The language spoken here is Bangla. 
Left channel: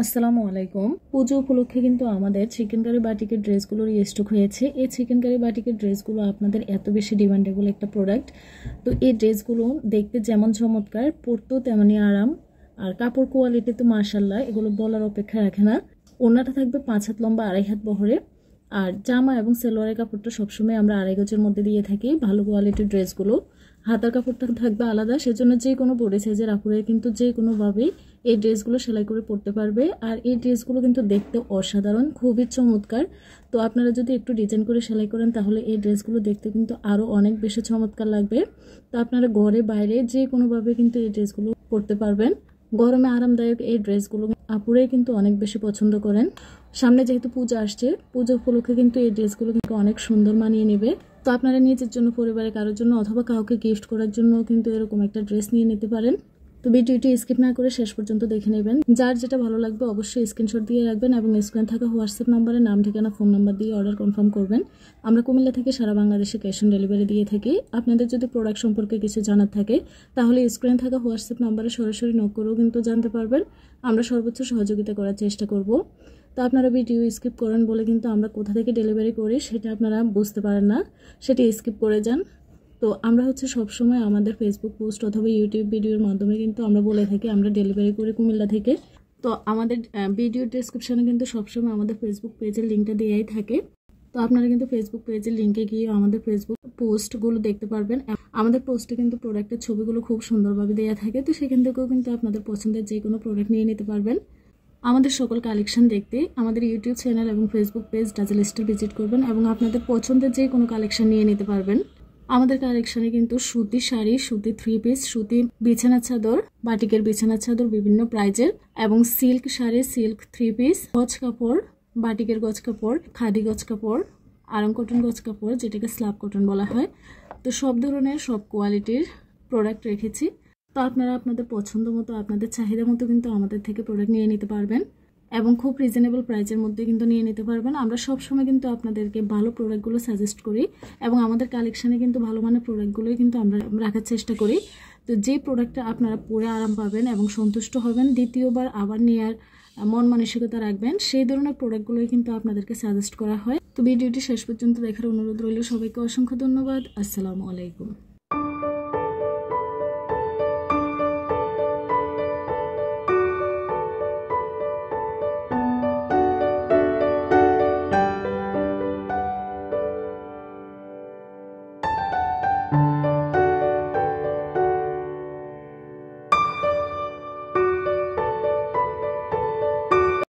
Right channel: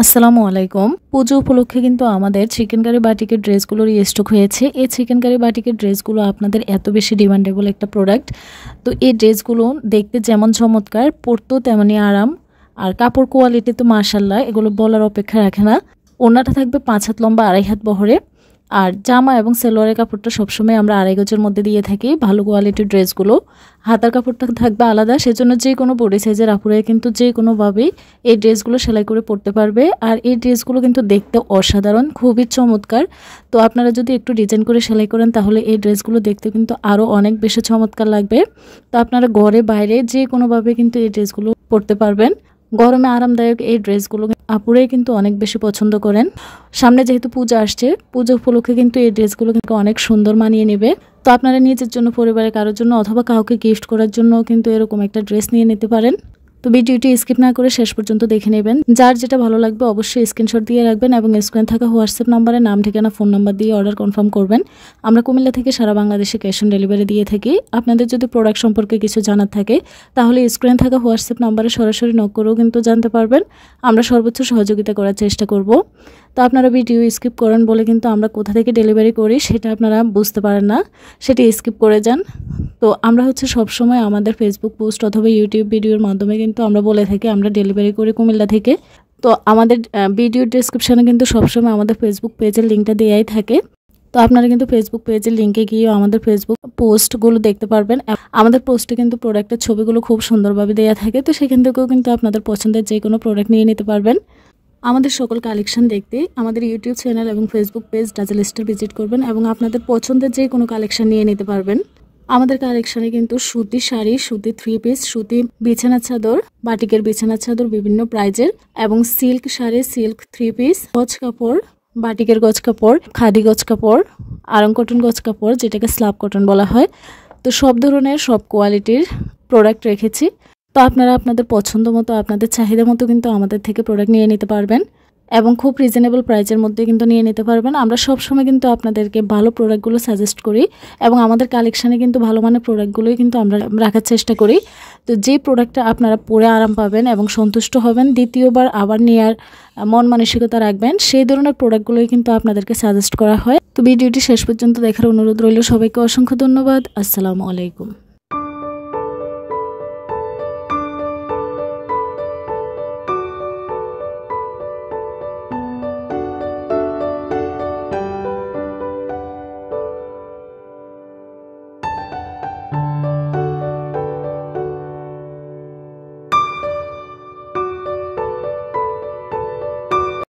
আসসালামু আলাইকুম। পুজো উপলক্ষে কিন্তু আমাদের চিকেন কারি বাটিকের ড্রেসগুলোর স্টক হয়েছে। এই চিকেন কারি বাটিকের ড্রেসগুলো আপনাদের এত বেশি ডিমান্ডেবল একটা প্রোডাক্ট। তো এই ড্রেসগুলো দেখতে যেমন চমৎকার, পরতেও তেমনই আরাম। আর কাপড় কোয়ালিটি তো মাশাআল্লাহ, এগুলো বলার অপেক্ষা রাখে না। ওড়নাটা থাকবে 5 হাত লম্বা, 2.5 হাত বহরে। আর জামা এবং সালোয়ারের কাপড়টা সবসময় আমরা 2.5 গজের মধ্যে দিয়ে থাকি ভালো কোয়ালিটির ড্রেসগুলো। হাতার কাপড়টা থাকবে আলাদা, সেজন্য যে কোনো বডি সাইজের আপুরাই কিন্তু যে কোনোভাবেই এই ড্রেসগুলো সেলাই করে পরতে পারবে। আর এই ড্রেসগুলো কিন্তু দেখতে অসাধারণ, খুবই চমৎকার। তো আপনারা যদি একটু ডিজাইন করে সেলাই করেন তাহলে এই ড্রেসগুলো দেখতে কিন্তু আরও অনেক বেশি চমৎকার লাগবে। তো আপনারা ঘরে বাইরে যে কোনোভাবে কিন্তু এই ড্রেসগুলো পরতে পারবেন। গরমে আরামদায়ক এই ড্রেসগুলো আপুরাই কিন্তু অনেক বেশি পছন্দ করেন। সামনে যেহেতু পূজা আসছে, পুজো উপলক্ষে কিন্তু এই ড্রেসগুলো কিন্তু অনেক সুন্দর মানিয়ে নেবে। তো আপনারা নিজের জন্য, পরিবারের কারোর জন্য অথবা কাউকে গিফট করার জন্য কিন্তু এরকম একটা ড্রেস নিয়ে নিতে পারেন। তো ভিডিওটি স্কিপ না করে শেষ পর্যন্ত দেখে নেবেন। যার যেটা ভালো লাগবে অবশ্যই স্ক্রিনশট দিয়ে রাখবেন এবং স্ক্রিনে থাকা হোয়াটসঅ্যাপ নাম্বারে নাম, ঠিকানা, ফোন নাম্বার দিয়ে অর্ডার কনফার্ম করবেন। আমরা কুমিল্লা থেকে সারা বাংলাদেশে ক্যাশ অন ডেলিভারি দিয়ে থাকি। আপনাদের যদি প্রোডাক্ট সম্পর্কে কিছু জানার থাকে তাহলে স্ক্রিনে থাকা হোয়াটসঅ্যাপ নাম্বারে সরাসরি নক করেও কিন্তু জানতে পারবেন। আমরা সর্বোচ্চ সহযোগিতা করার চেষ্টা করব। তো আপনারা ভিডিও স্কিপ করেন বলে কিন্তু আমরা কোথা থেকে ডেলিভারি করি সেটা আপনারা বুঝতে পারেন না, সেটি স্কিপ করে যান। তো আমরা সবসময় আমাদের ফেসবুক পোস্ট অথবা ইউটিউব ভিডিওর মাধ্যমে কিন্তু আমরা বলে থাকি আমরা ডেলিভারি করি কুমিল্লা থেকে। তো আমাদের ভিডিও ডেসক্রিপশানে কিন্তু সবসময় আমাদের ফেসবুক পেজের লিঙ্কটা দেওয়াই থাকে। তো আপনারা কিন্তু ফেসবুক পেজের লিঙ্কে গিয়ে আমাদের ফেসবুক পোস্টগুলো দেখতে পারবেন। আমাদের পোস্টে কিন্তু প্রোডাক্টের ছবিগুলো খুব সুন্দরভাবে দেওয়া থাকে। তো সেখান থেকেও কিন্তু আপনাদের পছন্দের যে কোনো প্রোডাক্ট নিয়ে নিতে পারবেন। আমাদের সকল কালেকশন দেখতে আমাদের ইউটিউব চ্যানেল এবং Facebook page dazzle store visit করবেন এবং আপনাদের পছন্দের যে কোনো কালেকশন নিয়ে নিতে পারবেন। আমাদের কালেকশনে কিন্তু সুতি শাড়ি, সুতি 3 পিস, সুতি বিছানা চাদর, বাটিকের বিছানা চাদর বিভিন্ন প্রাইজের এবং সিল্ক শাড়ি, সিল্ক 3 পিস, গজ কাপড়, বাটিকের গজ কাপড়, খাদি গজ কাপড়, আরং কটন গজ কাপড় যেটাকে স্ল্যাব কটন বলা হয়। তো সব ধরনের সব কোয়ালিটির প্রোডাক্ট রেখেছি। তো আপনারা আপনাদের পছন্দ মতো, আপনাদের চাহিদা মতো কিন্তু আমাদের থেকে প্রোডাক্ট নিয়ে নিতে পারবেন এবং খুব রিজনেবল প্রাইসের মধ্যে কিন্তু নিয়ে নিতে পারবেন। আমরা সব সময় কিন্তু আপনাদেরকে ভালো প্রোডাক্টগুলো সাজেস্ট করি এবং আমাদের কালেকশানে কিন্তু ভালো মানের প্রোডাক্টগুলোই কিন্তু আমরা রাখার চেষ্টা করি। তো যে প্রোডাক্টটা আপনারা পরে আরাম পাবেন এবং সন্তুষ্ট হবেন, দ্বিতীয়বার আবার নেওয়ার মন মানসিকতা রাখবেন, সেই ধরনের প্রোডাক্টগুলোই কিন্তু আপনাদেরকে সাজেস্ট করা হয়। তো ভিডিওটি শেষ পর্যন্ত দেখার অনুরোধ রইল। সবাইকে অসংখ্য ধন্যবাদ। আসসালামু আলাইকুম।